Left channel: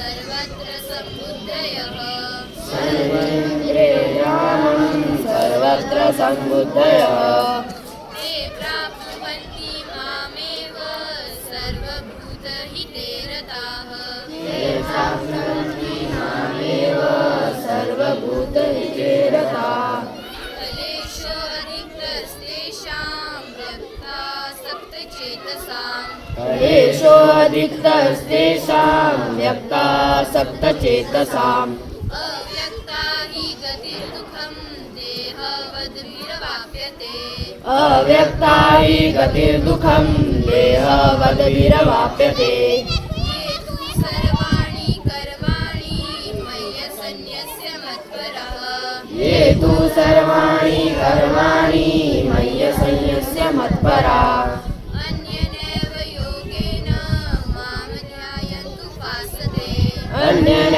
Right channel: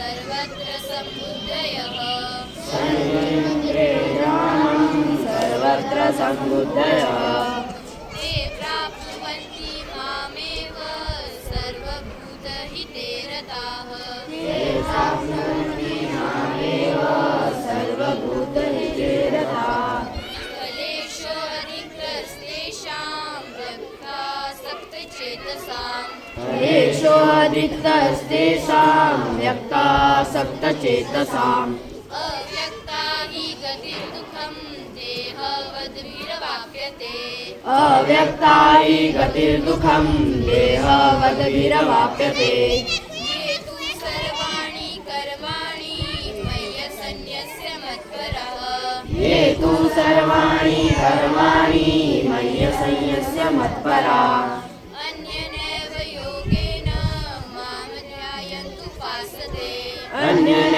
सर्वत्र समुदयः सर्वत्र समुदयः ते प्राप्नुवन्ति मामेव। सर्वभूतहिते रताः। ते प्राप्नुवन्ति मामेव। सर्वभूतहिते व्यक्ता सप्तचेतसाम्। अव्यक्ता हि गतिर्दुःखं देहवद्भिरवाप्यते। अव्यक्ता हि गतिर्दुःखं देहवद्भिरवाप्यते। ये तु सर्वाणि कर्माणि मय्यसन्न्यस्य मत्परः। ये तु सर्वाणि कर्माणि मय्यसंयस्य मत्परा। Vasudev. Anya.